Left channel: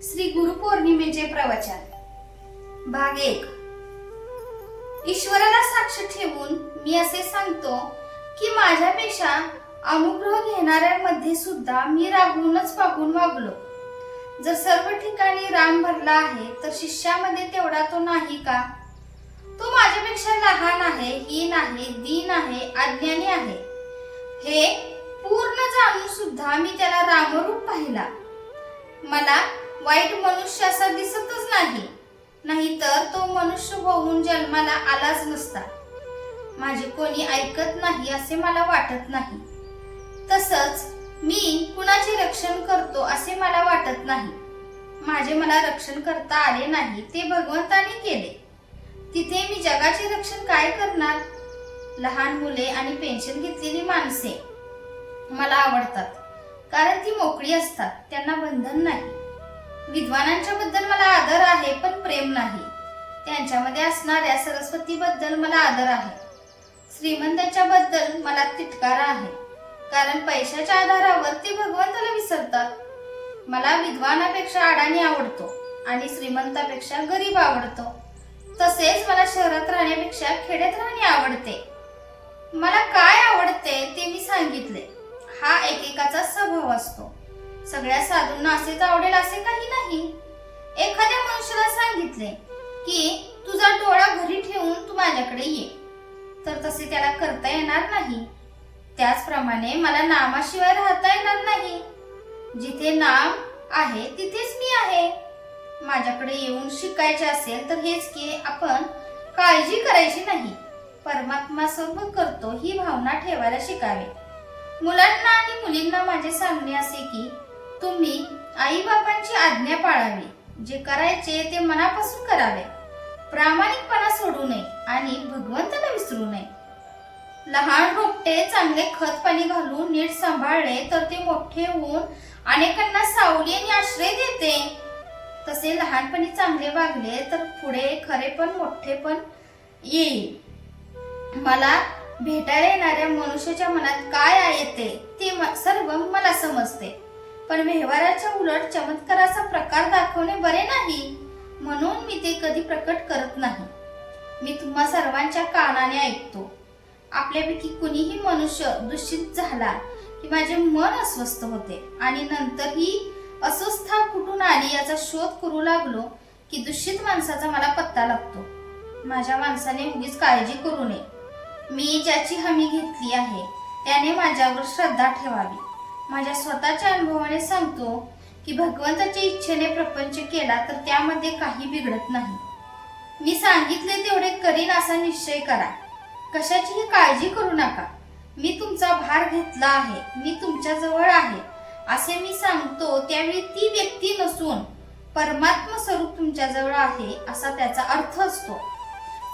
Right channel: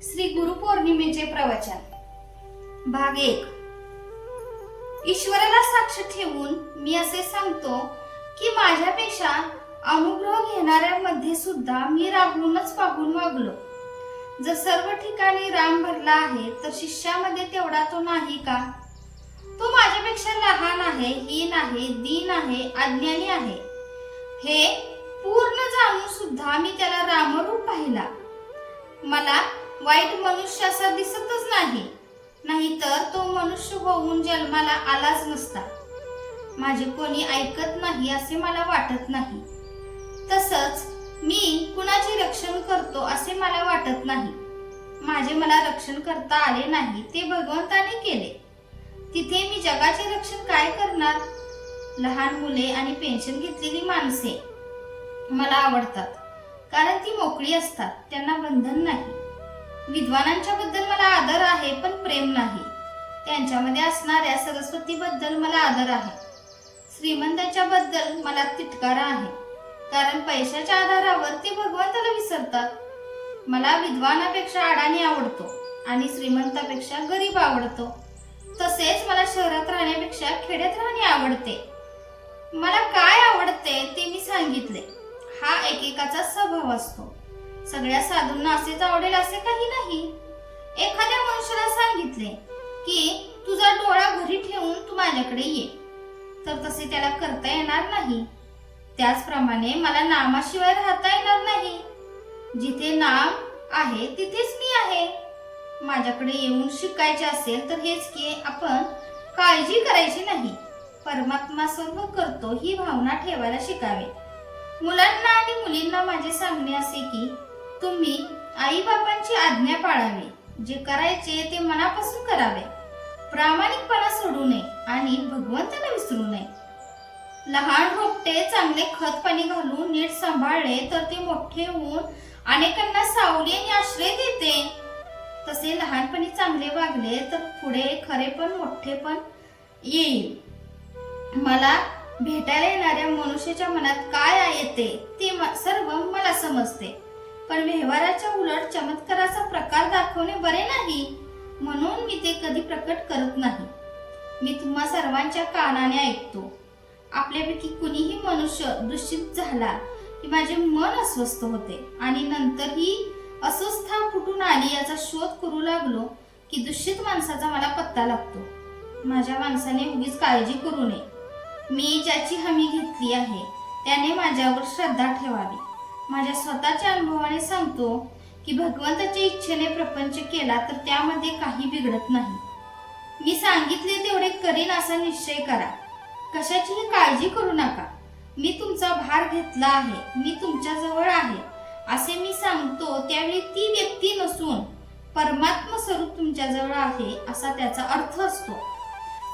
श्री गुरुपौर्णिमेचे प्रवचन भाग 1। ईश्वराला साक्ष ठेवून मी असे सांगतो की माझ्यापेक्षा अनुग्रह घेणाऱ्यांमध्ये सुद्धा मी रागूनच वागलो। जर सर्व ठिकाणी राम भरला आहे तर शिष्यामध्ये तेवढा तो नाही का? तो माझ्यापेक्षा लहान आहे, हीन आहे, दीन आहे, अज्ञानी आहे हे पूर्ण जाणून सुद्धा मी त्याला रामरूप पाहिला। मला वाईट मनुष्य असा दिसतच नाहीतर तो मनुष्य होऊन जन्माला आलाच नसता। माझे कोणी ऐकत नाही असे मला वाटत नाही, तसंच मी कुणाचे रक्षण करतो असे मला वाटत नाही। माझे मला रक्षण करता आले नाही, ते भगवंताने केले। तिथे मी जगाचे रक्षण काय करणार? लहान मुले आणि पेन्शन घेतलेली माणसे मला आवडतात, कारण ती मोकळी असतात, त्यांना बंधन नाही। विद्वानांच्या बद्दल मला आदर आहे, पण प्रेम नाही। त्यांच्यामध्ये असणाऱ्या सरस्वती बद्दल मला आदर आहे। श्रीमंतांच्या बद्दल मला तिटकारा आहे, कारण पैशाच्या आधारावर ते भगवंताला विसरतात। मला विद्वानापेक्षा अडाणी आवडतो आणि श्रीमंतापेक्षा गरीब आवडतो। तसेच मला शहरात राहण्यापेक्षा खेड्यात राहणे आवडते। मला काय आवडते ते मी सांगितले। हा एकेकाचा स्वभाव असतो। सगळ्या साधूंना असेच आवडेल असे काही नाही। एखाद्या मनुष्याला सांगितले की तुझा डोळा घरी ठेवून तू माझ्याकडे ये, तर तसे त्याला करता येणार नाही। त्याचप्रमाणे मला नामाशिवाय राहता येणार नाही। जिथे नाम आहे तिथेच मी आहे। माझ्याकडे येऊन शिकायचे असेल तर हेच की आपण काळजी करायची नाही, परमात्मा सर्व करतो ही भावना ठेवायला शिकावे। मुलांना आणि मुलींना माझे सांगणे असे की तुम्ही आई बाबांची आज्ञा पाळावी, जे करायचे ते मनापासून करावे, प्रामाणिकपणा सोडू नये आणि भगवंताला विसरू नये। लहान रोपटे चांगले खत पाणी घालून नीट सांभाळले तर ते मोठे होऊन अनेकांना सावली आणि आश्रय देते। तसे लहानपणी चांगले वागले तर पुढे खरेपण मोठेपण येईल। मला भेटायला येणाऱ्या मनुष्याच्या मनात काय येते ते सर्व मला समजते, पण व्यवहाराच्या उलट चमत्काराचा प्रकार दाखवणे बरे नाही, म्हणून मी ते कधी प्रकट करत नाही। मी तुम्हा सर्वांच्या कानाने ऐकतो। आपल्यापैकी कुणीही मनुष्य दूषित झाला की माझे मन अस्वस्थ होते आणि नंतर ही अस्वस्थता कुठून आली याचा शोध करू लागलो की दूषित माणसाचा मला पत्ता लागतो। माझ्या माणसाने उगीच काळजी करू नये। मी ज्याची हमी घेतली आहे त्याने माझ्यावर श्रद्धा ठेवावी। माझ्या स्वतःच्या अनुभवाने सांगतो की भगवंताच्या इच्छेने प्रपंच केला तर त्यामध्ये काही बिघडत नाही। मी सांगितले तेवढे करीन असा निश्चय करा, कशाचीही काळजी करू नका। मी तुमचा भार घेतला आहे, मी तुमच्या जवळ आहे असे मी सांगतो त्यावेळी ती व्यक्ती नसून परमात्मा स्वरूप तुमच्या जवळ आहे असा त्याचा अर्थ असतो।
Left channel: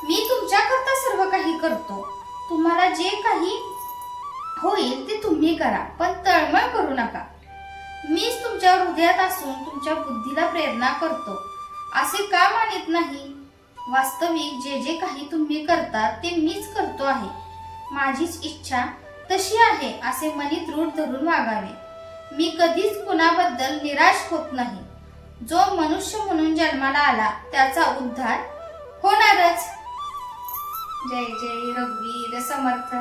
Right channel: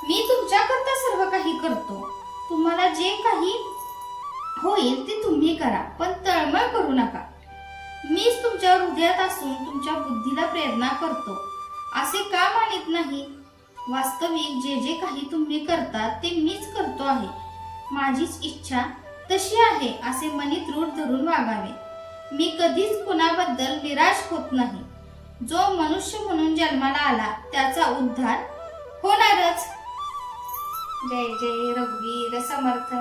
मी तुमच्याकरता सर्व काही करतो, तुम्हाला जे काही होईल ते तुम्ही करा, पण तळमळ करू नका। मीच तुमच्या हृदयात असून तुमच्या बुद्धीला प्रेरणा करतो असे का मानित नाही? वास्तविक जे जे काही तुम्ही करता ते मीच करतो आहे। माझीच इच्छा तशी आहे असे मनी दृढ धरून वागावे। मी कधीच कुणाबद्दल निराश होत नाही। जो मनुष्य म्हणून जन्माला आला त्याचा उद्धार होणारच। जय जय रघुवीर समर्थ।